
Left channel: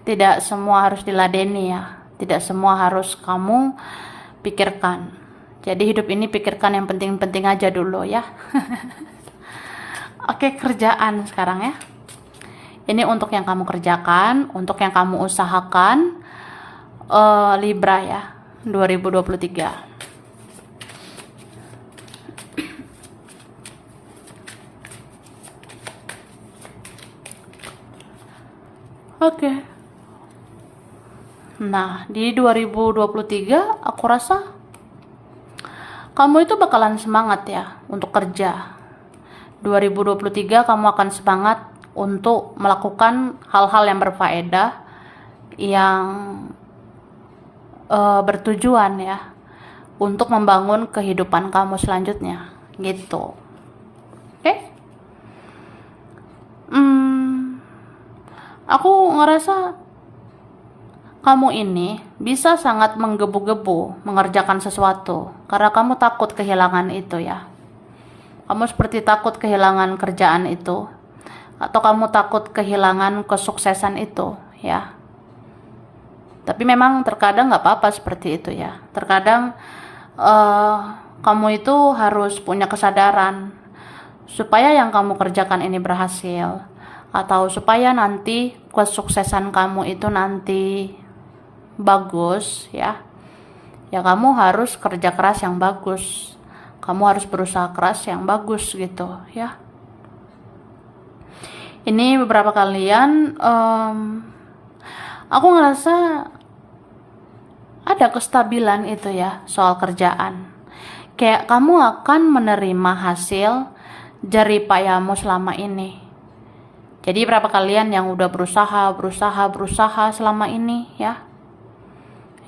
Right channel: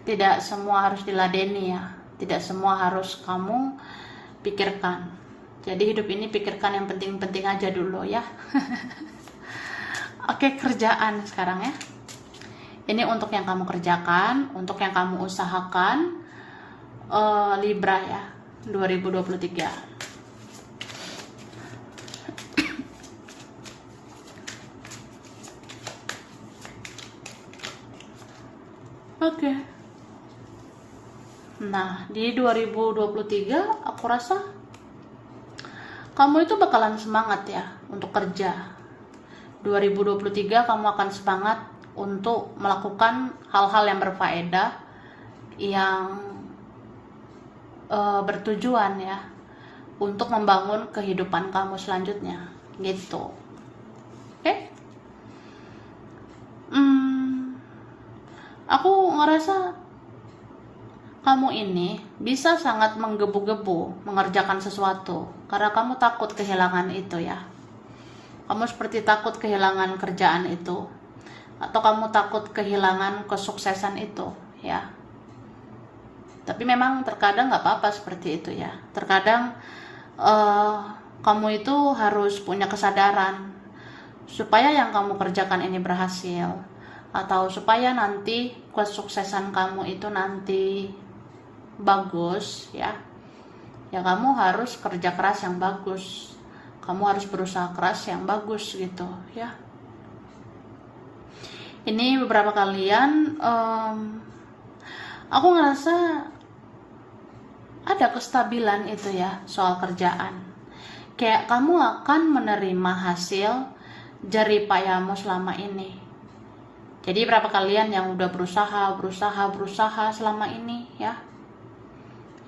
tidak semua harus diladeni ya, tidak semua harus kamu pikirkan. Jadi hidup ini pikirkan yang penting-penting aja dulu ya. Oke, kerjaan sekarang ya. Ini untuk yang kamu kerjakan, untuk yang kamu usahakan, Libra ya, 2023. Oke. Nah, di 2023 aku rasa kamu itu bakalan semangat ya untuk kerja. 2023 kamu akan semangat untuk melakukan hal-hal yang berfaedah, yang bertujuan ya, untuk membangun kehidupan kamu selanjutnya gitu. Oke? Aku ngerasa kamu ini bisa sangat menggebu-gebu mengerjakan sesuatu karena kamu takut kehilangan itu ya. Kamu seperti takut kehilangan kerjaan itu, atau kamu takut kehilangan kesuksesan itu ya. Tapi memang terkadang nggak apa-apa seperti itu ya. Terkadang kamu itu harus punya kesadaran supaya yang kamu kerjakan ini berhasil, atau supaya nanti kesuksesan kamu itu nanti bagus ya. Ya kamu harus kerja keras yang bagus. Kamu harus berusaha keras yang bagus gitu ya. Ini beberapa kalian aku ngerasa ada kestabilan itu ya soal kerjaan. Kayak kamu akan menerima hasil jerih payahmu selama ini. Jadi berapa kalian yang udah berusaha selama ini ya?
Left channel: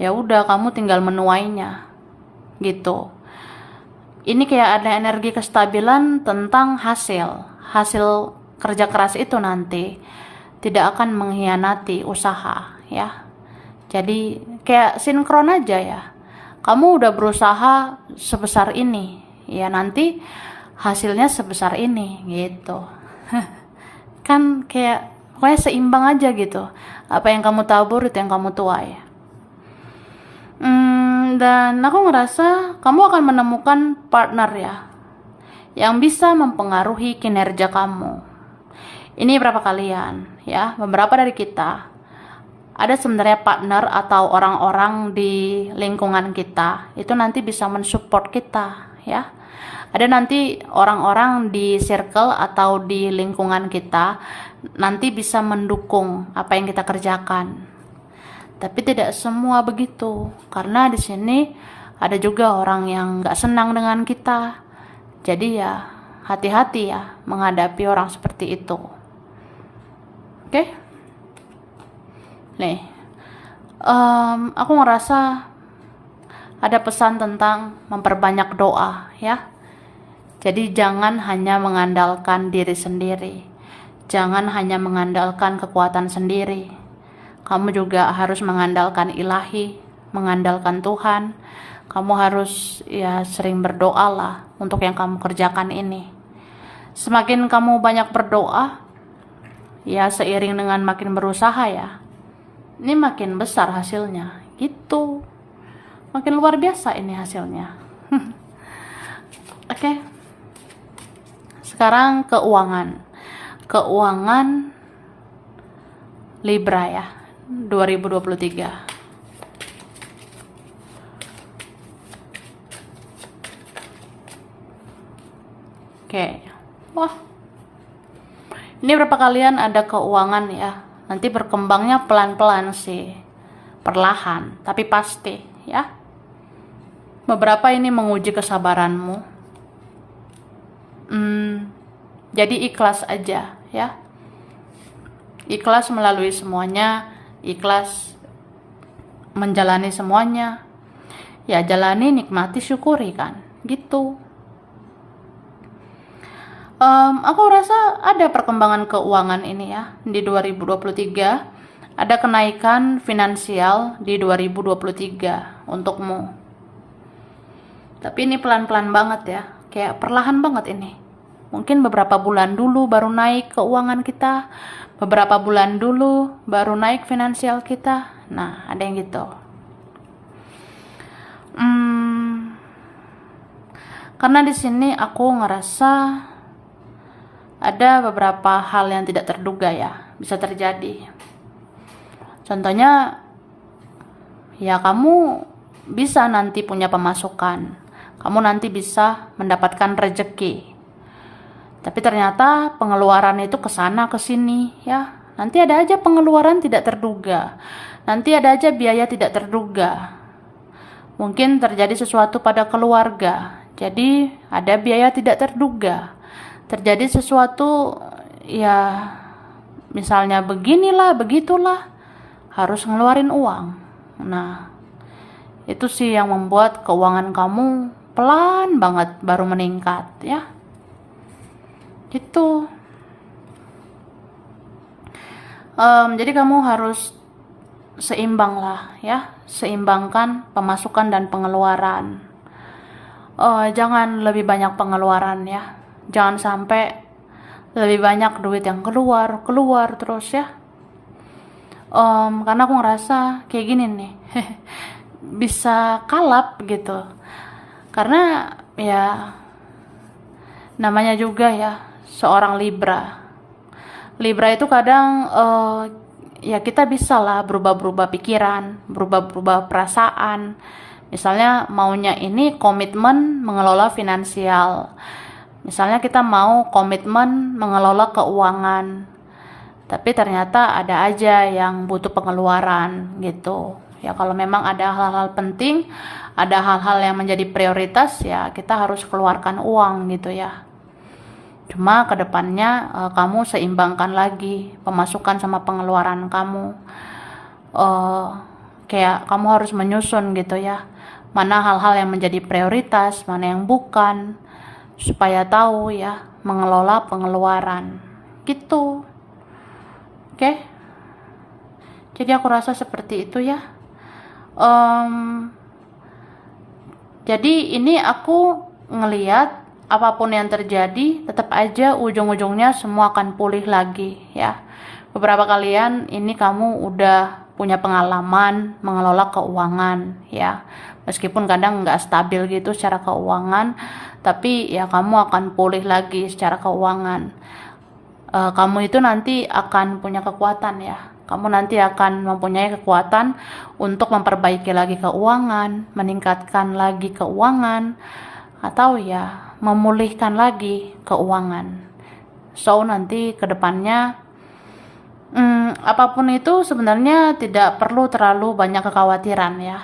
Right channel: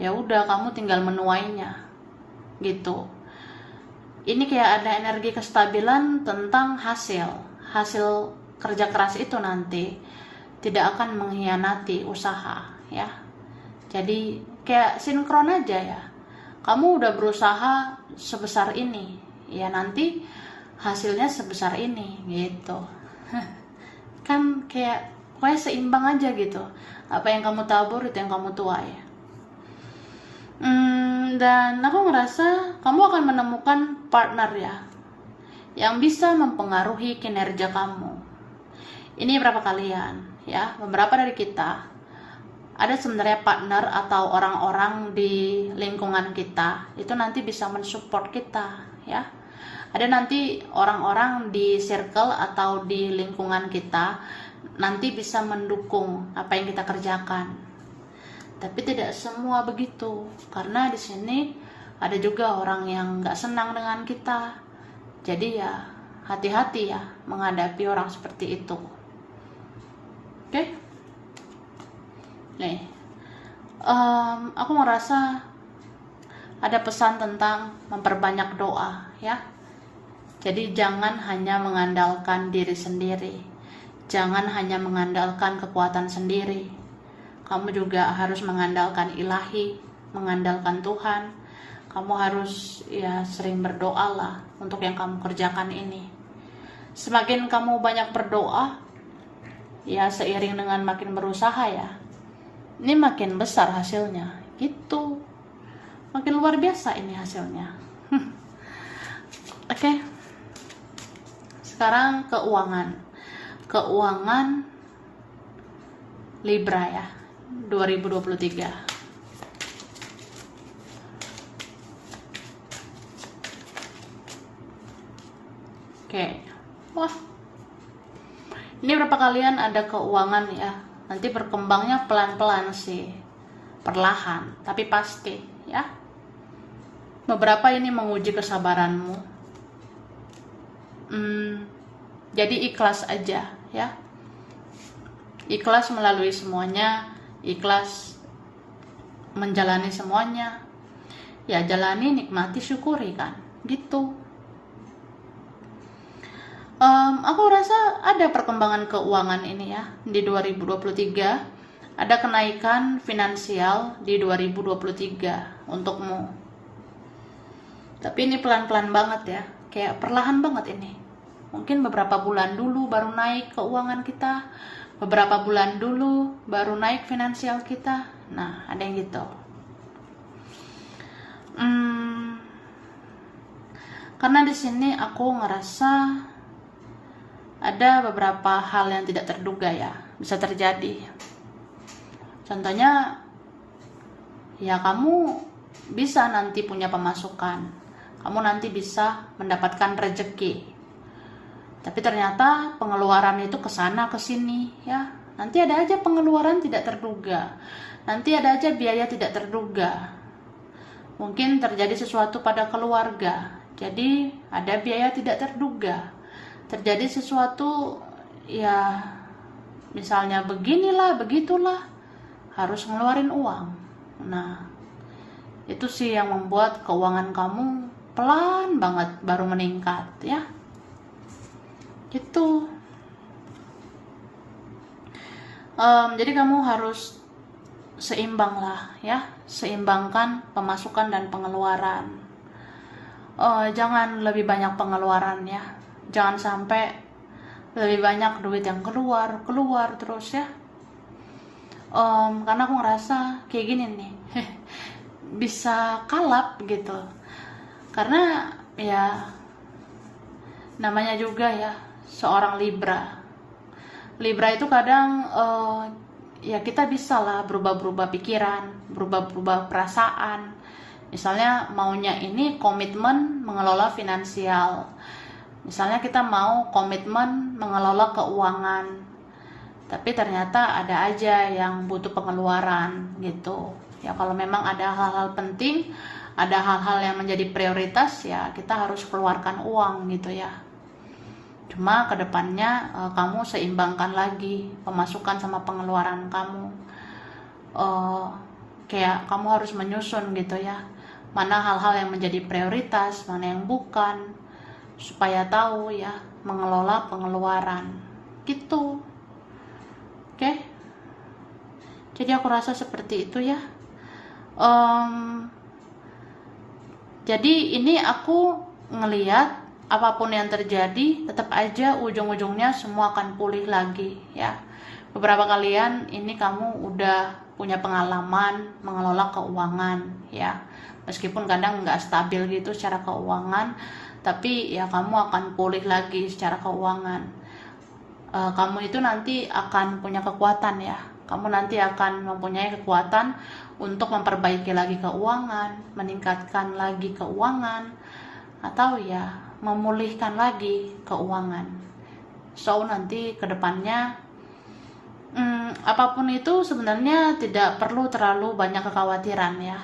Ya udah, kamu tinggal menuainya gitu. Ini kayak ada energi kestabilan tentang hasil kerja keras itu nanti tidak akan mengkhianati usaha ya. Jadi kayak sinkron aja ya. Kamu udah berusaha sebesar ini, ya nanti hasilnya sebesar ini gitu. Kan kayak seimbang aja gitu. Apa yang kamu tabur itu yang kamu tuai. Dan aku ngerasa kamu akan menemukan partner ya yang bisa mempengaruhi kinerja kamu. Ini berapa kalian ya, beberapa dari kita ada sebenarnya partner atau orang-orang di lingkungan kita itu nanti bisa mensupport kita ya. Ada nanti orang-orang di circle atau di lingkungan kita nanti bisa mendukung apa yang kita kerjakan. Tapi tidak semua begitu, karena di sini ada juga orang yang nggak senang dengan kita. Jadi ya hati-hati ya menghadapi orang seperti itu. Oke? Nih, aku ngerasa ada pesan tentang memperbanyak doa ya. Jadi jangan hanya mengandalkan diri sendiri, jangan hanya mengandalkan kekuatan sendiri. Kamu juga harus mengandalkan ilahi, mengandalkan Tuhan. Kamu harus ya sering berdoa lah untuk yang kamu kerjakan ini. Semakin kamu banyak berdoa, ya seiring dengan makin berusaha ya, ini makin besar hasilnya gitu. Makin luar biasa ini hasilnya. Oke. Sekarang keuangan Libra ya, 2023. Oke. Wah. Ini berapa kalian ada keuangan ya? Nanti berkembangnya pelan-pelan sih. Perlahan, tapi pasti ya. Beberapa ini menguji kesabaranmu. Jadi ikhlas aja ya. Ikhlas melalui semuanya, ikhlas menjalani semuanya. Ya jalani, nikmati, syukuri kan, gitu. Aku rasa ada perkembangan keuangan ini ya di 2023. Ada kenaikan finansial di 2023 untukmu. Tapi ini pelan-pelan banget ya, kayak perlahan banget ini. Mungkin beberapa bulan dulu baru naik keuangan kita, beberapa bulan dulu baru naik finansial kita. Nah, ada yang gitu. Karena di sini aku ngerasa ada beberapa hal yang tidak terduga ya bisa terjadi. Contohnya, ya kamu bisa nanti punya pemasukan, kamu nanti bisa mendapatkan rezeki. Tapi ternyata pengeluaran itu kesana kesini ya, Nanti ada aja pengeluaran tidak terduga. Nanti ada aja biaya tidak terduga. Mungkin terjadi sesuatu pada keluarga. Jadi ada biaya tidak terduga. Terjadi sesuatu, ya misalnya beginilah, begitulah, harus ngeluarin uang. Nah, itu sih yang membuat keuangan kamu pelan banget baru meningkat ya. Itu. Jadi kamu harus seimbang lah ya, seimbangkan pemasukan dan pengeluaran. Jangan lebih banyak pengeluaran ya, jangan sampai lebih banyak duit yang keluar terus ya. Karena aku ngerasa kayak gini nih bisa kalap gitu, karena ya namanya juga ya seorang Libra itu kadang ya kita bisa lah berubah-berubah pikiran, berubah-berubah perasaan. Misalnya maunya ini komitmen mengelola finansial. Misalnya kita mau komitmen mengelola keuangan. Tapi ternyata ada aja yang butuh pengeluaran gitu. Ya kalau memang ada hal-hal penting, ada hal-hal yang menjadi prioritas, ya kita harus keluarkan uang gitu ya. Cuma kedepannya kamu seimbangkan lagi pemasukan sama pengeluaran kamu. Kayak kamu harus menyusun gitu ya, mana hal-hal yang menjadi prioritas, mana yang bukan, supaya tahu ya mengelola pengeluaran gitu. Oke? Jadi aku rasa seperti itu ya. Jadi ini aku ngeliat apapun yang terjadi, tetap aja ujung-ujungnya semua akan pulih lagi ya. Beberapa kalian ini kamu udah punya pengalaman mengelola keuangan ya. Meskipun kadang nggak stabil gitu secara keuangan, tapi ya kamu akan pulih lagi secara keuangan. Kamu itu nanti akan punya kekuatan ya. Kamu nanti akan mempunyai kekuatan untuk memperbaiki lagi keuangan, meningkatkan lagi keuangan, atau ya memulihkan lagi keuangan. So nanti kedepannya apapun itu sebenarnya tidak perlu terlalu banyak kekhawatiran ya.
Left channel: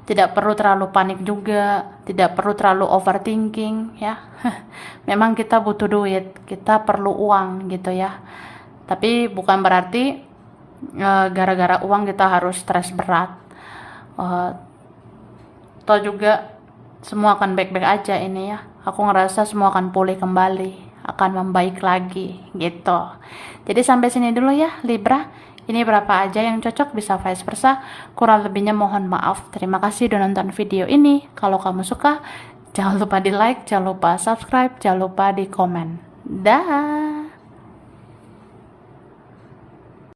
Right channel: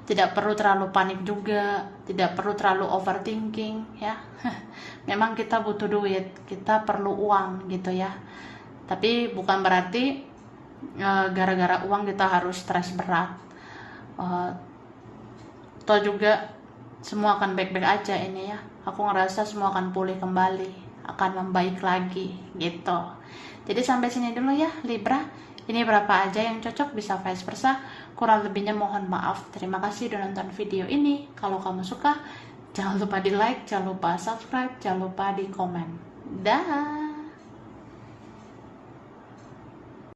Tidak perlu terlalu panik juga, tidak perlu terlalu overthinking ya. Memang kita butuh duit, kita perlu uang gitu ya. Tapi bukan berarti gara-gara uang kita harus stres berat. Atau juga semua akan baik-baik aja ini ya. Aku ngerasa semua akan pulih kembali, akan membaik lagi gitu. Jadi sampai sini dulu ya Libra. Ini berapa aja yang cocok, bisa vice versa. Kurang lebihnya mohon maaf. Terima kasih udah nonton video ini. Kalau kamu suka, jangan lupa di like, jangan lupa subscribe, jangan lupa di komen. Dah.